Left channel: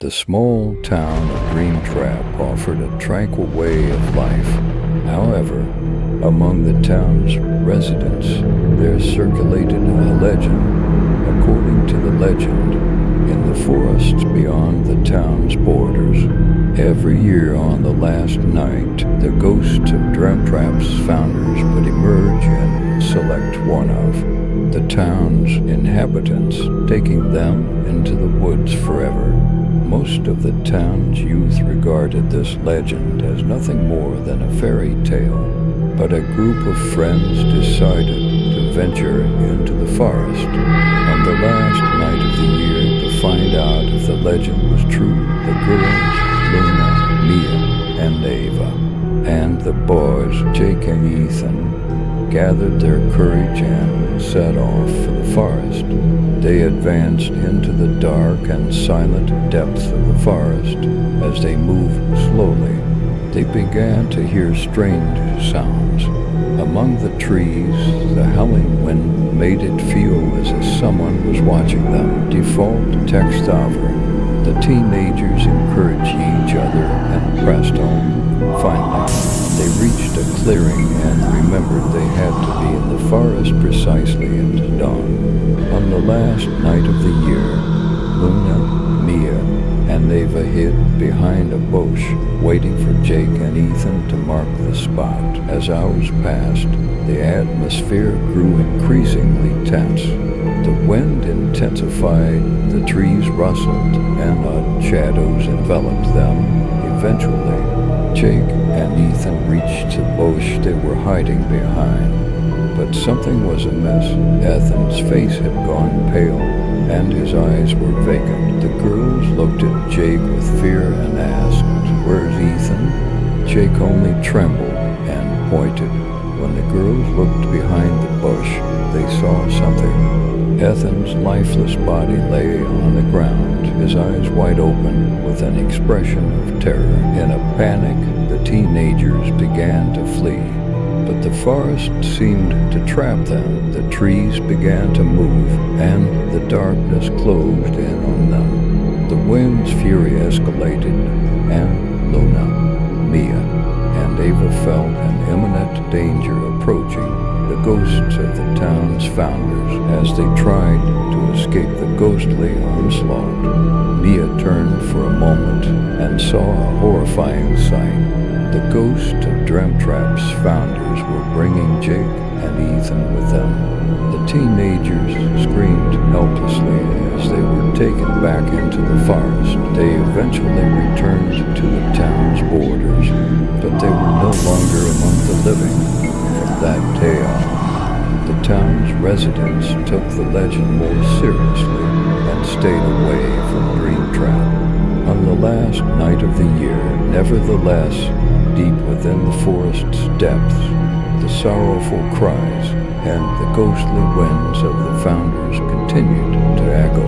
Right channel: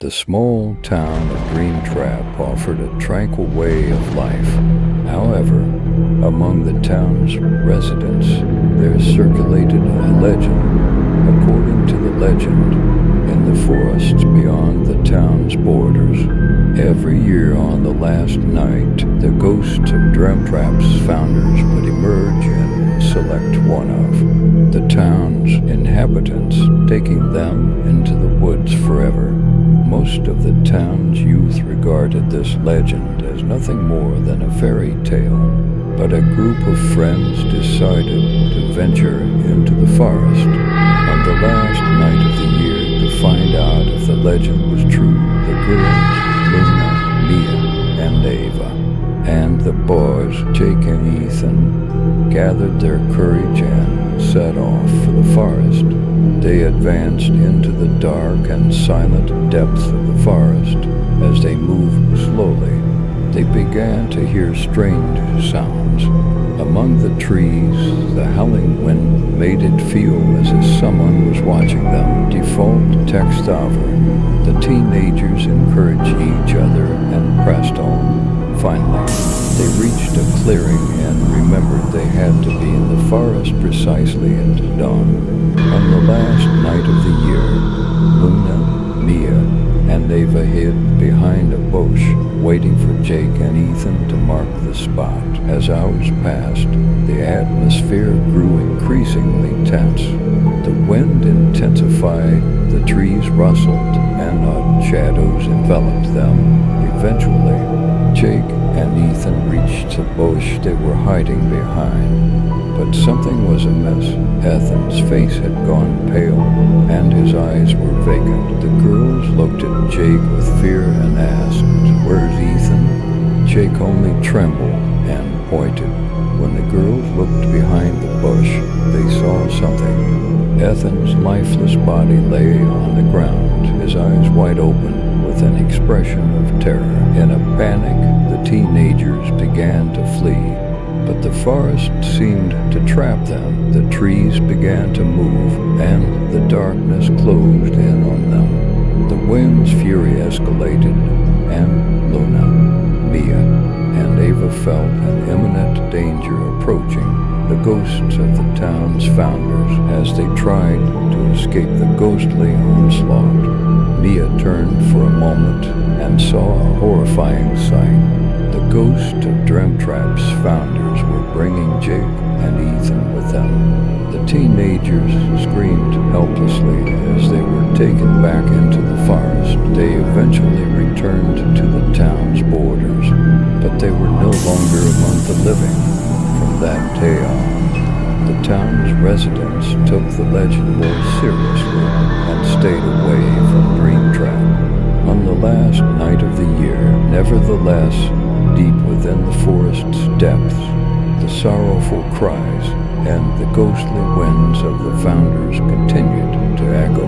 The small town of Dreamtrap offered a tranquil way of life. However, among the town's residents, there circulated a legend. According to the legend, in the forests beyond the town's borders, every year on the last night, the ghosts of Dreamtrap's founders would emerge and select one of the town's inhabitants, taking them into the woods forever. Most of the town's youth regarded this legend as nothing more than a fairy tale, but a group of friends decided to venture into the forest on the last night of the year to find out if the legend was true. The girls, Luna, Mia, and Ava, and the boys, Jake and Ethan, gathered their courage and set off for the forest. They advanced into the dark and silent depths of the forest. As they moved slowly, they began to hear strange sounds. Among the trees, the howling wind made it feel as if someone was watching them. Default text over. The teenagers encouraged each other and pressed on. Finally, they reached a clearing and remembered they had to be in the forest precisely at dawn. On the last night of the year, Luna, Mia, and Ava hid behind a bush, waiting for Jake and Ethan to mark the spot. As hours passed, the atmosphere grew increasingly tense. The wind intensified, the trees rustled, and odd shadows enveloped them. Eventually, Jake and Ethan reached the bush they were hiding behind. But something was amiss. Ethan's face had gone pale, and his eyes were vacant. The girls looked at Jake with fear and asked, "Where's Ethan?" Jake only trembled and pointed. When the girls looked behind the bush, they saw something. Ethan's lifeless body lay on the ground, his eyes wide open with an expression of terror. In a panic, the teenagers began to flee. But the forest seemed to trap them. The trees began to move, and the darkness closed in on them. The wind's fury escalated, and Luna, Mia, and Ava felt an imminent danger approaching. The ghosts of the town's founders as they tried to escape the ghostly onslaught. Mia turned for a moment and saw a horrifying sight. The ghosts of Dreamtrap's founders were bringing Jake and Ethan with them. The teenagers screamed helplessly as they were taken back into the forest. They eventually returned to the town's borders, but they were no longer among the living. From that day on, the town's residents took the legend more seriously and stayed away from Dreamtrap. On the last night of the year, nevertheless, deep within the forest's depths, the sorrowful cries and the ghostly winds of the founders continued to echo.